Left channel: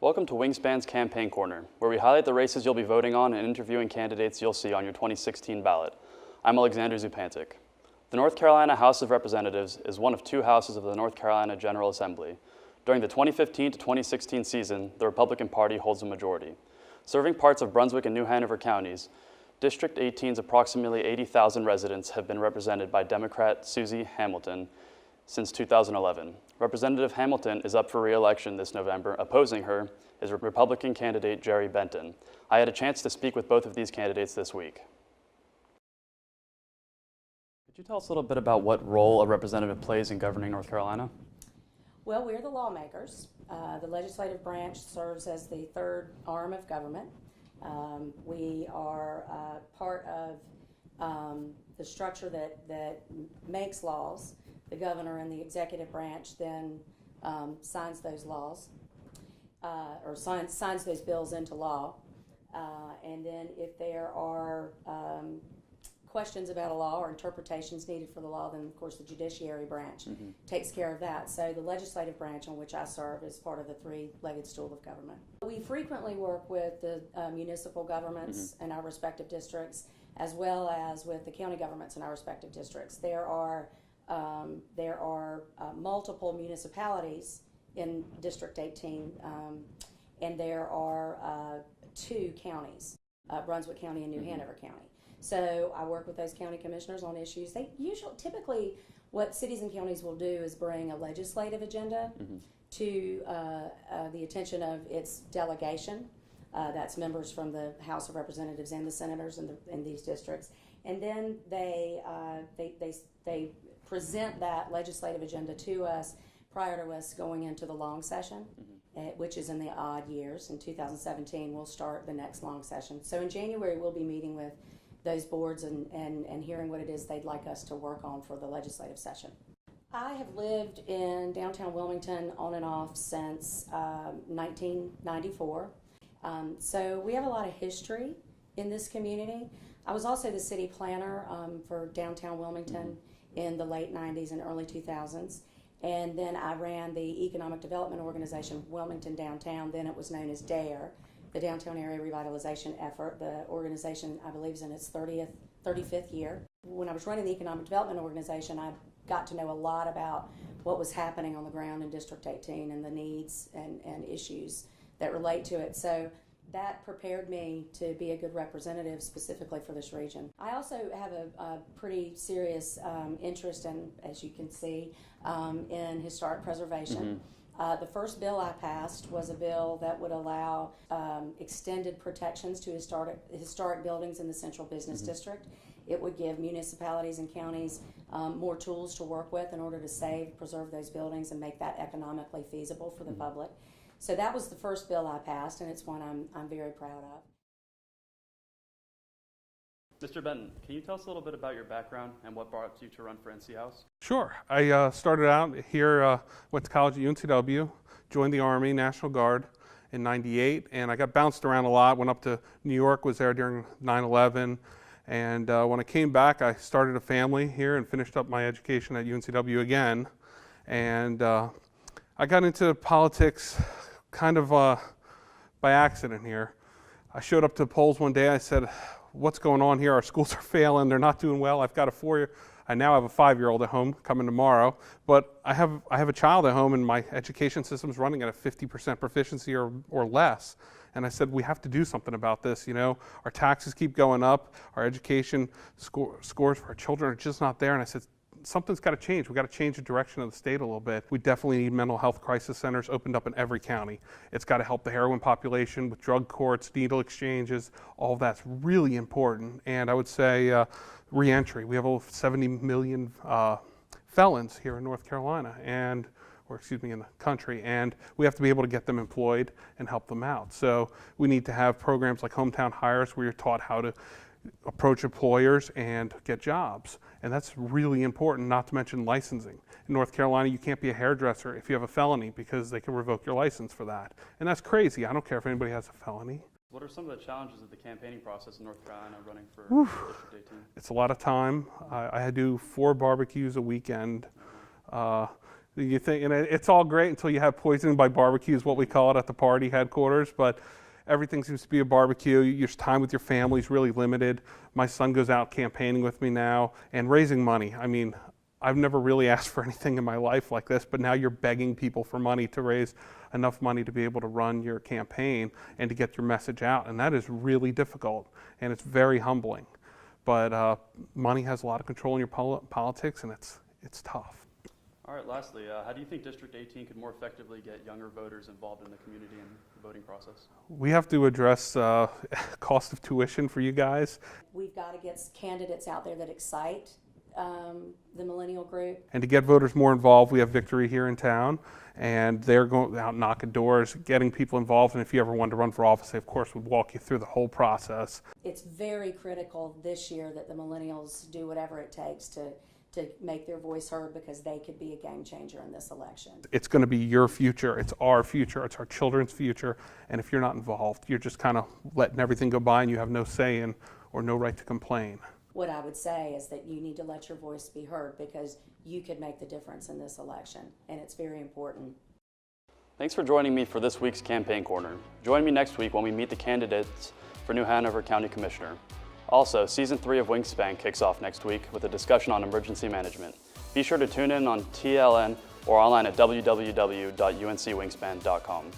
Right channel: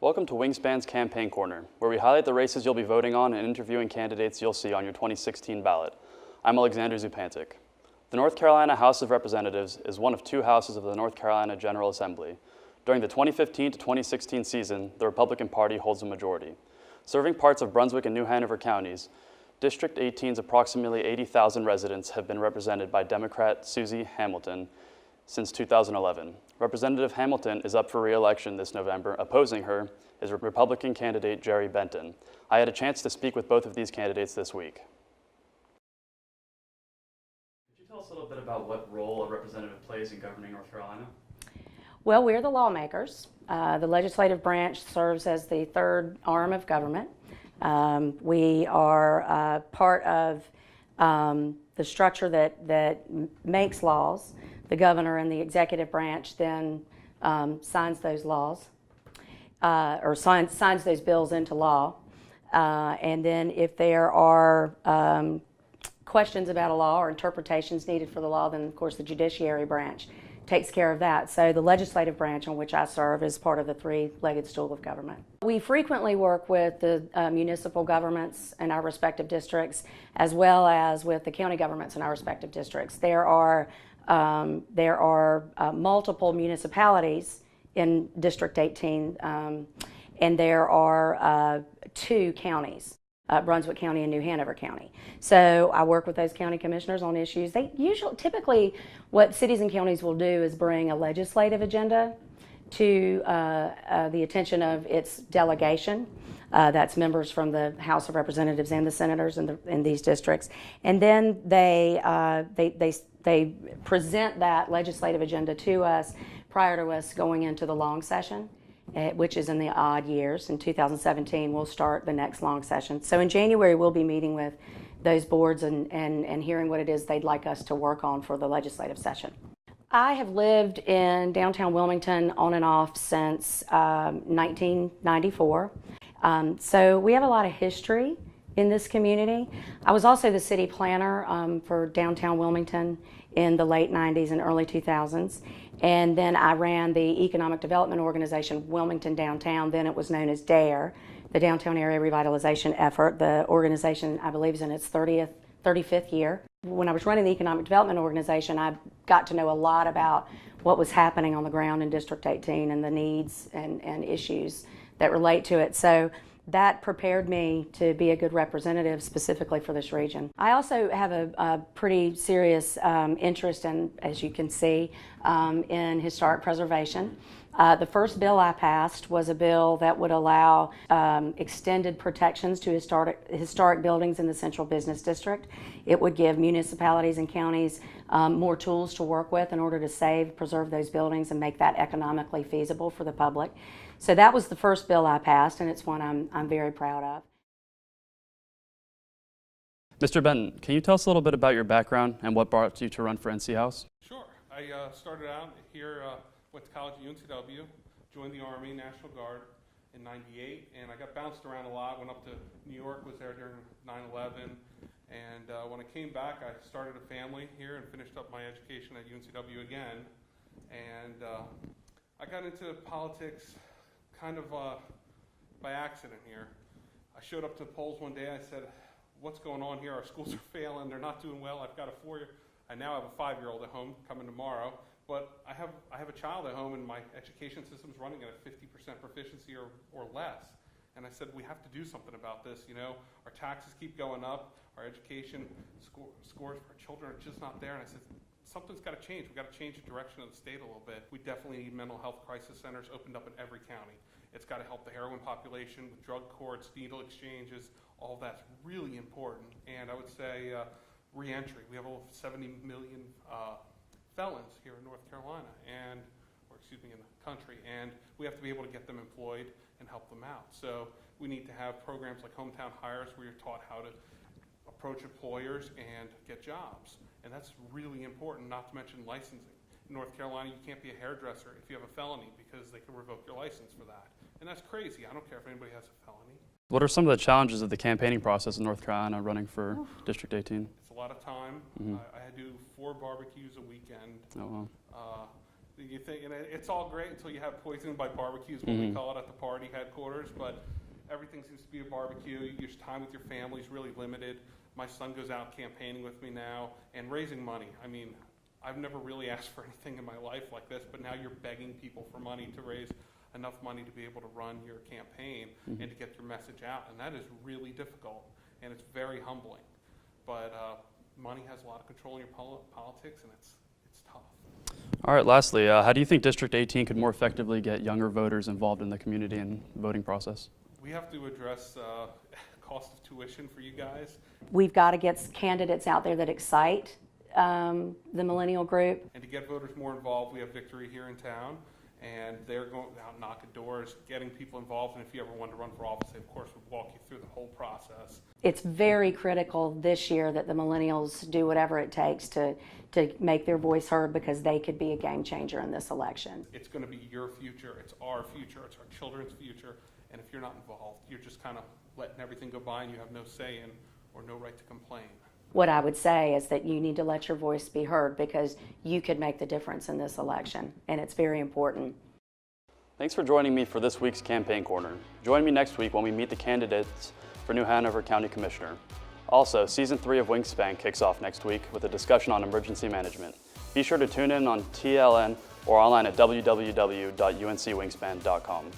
Welcome to WingSpan's Campaign Corner, where we highlight the races you'll be voting on and interviewing candidates you'll see on your 2016 ballot. I'm Alexander Zupancic. The North Carolina House of Representatives is one of two houses of the North Carolina General Assembly. During the 2015 to 2016 season, the Republican Party holds a majority. Serving parts of Brunswick and New Hanover counties, District 18's approximately 80,000 residents have been represented by Democrat Susi Hamilton since 2011. Representative Hamilton is up for re-election this November. Opposing her is Republican candidate Gerald Benton. I had a chance to speak with both of these candidates this week. Could you tell us a little bit about what role a representative plays in governing North Carolina? Well, we're the lawmakers. The legislative branch serves as the third arm of government. We are part of the structure that makes laws. The governor and the executive branch then signs those laws, or signs those bills into law. And then if there are questions about a law or interpretations needed for the law, then of course the judiciary branch takes care of that. So the legislative branch on which I serve is part of the three-legged stool of government. We frequently work with the municipal governments in our respective districts, as well as with the county governments in our respective districts. There are multiple municipalities in District 18, and there are two counties, Brunswick County and New Hanover County. So I work with those county commissioners on issues. Typically, what cities and counties will do is bring a legislative agenda to the attention of its delegation. That's members from the House of Representatives and the senators in these districts, and then they present that legislative agenda to us prior to us going into the long session, which is in the odd years. In 2017, we'll start the next long session. So in January, we'll be meeting with those boards and hearing what it is they'd like us to work on for the legislative session. I have lived in downtown Wilmington on and off since 1994. So we have a lot of history in this community. I was also the city planner for downtown Wilmington in the late 90s and early 2000s. And then I ran the economic development organization, Wilmington Downtown. Then it was known as DARE, the Downtown Area Revitalization Effort. The organization, I believe, is in its 35th year. When I was running the economic development organization, I got to know a lot about what was happening on the ground in District 18 and the needs and issues that relate to it. So that prepared me to be a good representative specifically for this region. I also have a pretty serious interest in, as you can see, in historic preservation. The first bill I passed was a bill that would allow extended protections to historic buildings in the Central Business District. It would give municipalities and counties more tools to work with in order to preserve those buildings and make that economically feasible for the public. So that was the first bill I passed, and it's one I'm very proud of. Mr. Benton, can you tell us a little bit about your background and what brought you to run for NC House? Sure. I started out here, went to college at UNCW, joined the Army, National Guard in '98, and I got bounced around a lot, went up to New York, was there during 9/11, and when I came back, I started a family here and finished up my education at UNCW again, and I got into politics kind of by accident here. I showed up to the polls one day, I said, what's going on here? Our schools are failing, they're not doing well. I now have a 5-year-old at home coming tomorrow, but I have a child at home and my education system's running at a 50% proficiency or less. And I said, we have to do something about this. You know, our taxes keep going up, our education scores for our children are just not there. And I said, something's got to change. We've got to change the direction of the state a little bit. We definitely need mental health crisis centers opened up in every county. It's got to help the heroin population with drug courts, needle exchanges. All of that's really important. And I would say reentry. We have over 70 million felons here in North Carolina, in the country, and we have to be able to get them employed and help them out. So we need to have programs like Hometown Hires where you're taught how to approach employers and get jobs. And that's really important, not to mention licensing. In North Carolina, you can't be a hairdresser if you have a felony because they can revoke your license for that. And that's crazy. I don't care if anybody has a felony. What are some of the challenges of the campaigning process in North Carolina running for District 18? It's a lot of time. I had to do 4 barbecues a weekend. You think, and it's all great until you have poisoning by barbecue is what we call it at the party headquarters, but everything seems to be a barbecue. Your time with your family is really limited. My son goes out campaigning with me now and raising money. I mean, I've never really asked for anything in my life like this, but now you're begging people for money to raise enough money to be able to run your campaign and to get your message out, and that is really difficult, and it's very humbling. But money has a lot of control in your politics, and it's tough. All right, lastly, how do you think District 18 could more effectively get younger voters involved in the community and voting process? We have to address cost of tuition for you guys. We've got to get candidates out there that excite the millennial group. And to get voters more involved, we have Victory here in town, and they're going out knocking doors, getting people involved, and if you ever wanted to run for office, they of course would walk you through the whole process. It's very critical this year that the millennials do whatever it takes to make their voice heard, because they could be a game changer in this election. It's going to be your future, it's our children's future, and if you're not involved, you're just kind of letting everything go by and you have no say in or no right to complain. What I would say is that you need to let your voice be heard, because you could make the difference in this election, and it's very important. Thanks for joining me for this week's Campaign Corner. Join me next week when we meet the candidates for New Hanover County Commissioner. Also, Season 3 of WingSpan kicks off next week with a discussion on emergency management. Be sure to tune in on TLN or online at www.uncwingspan.com.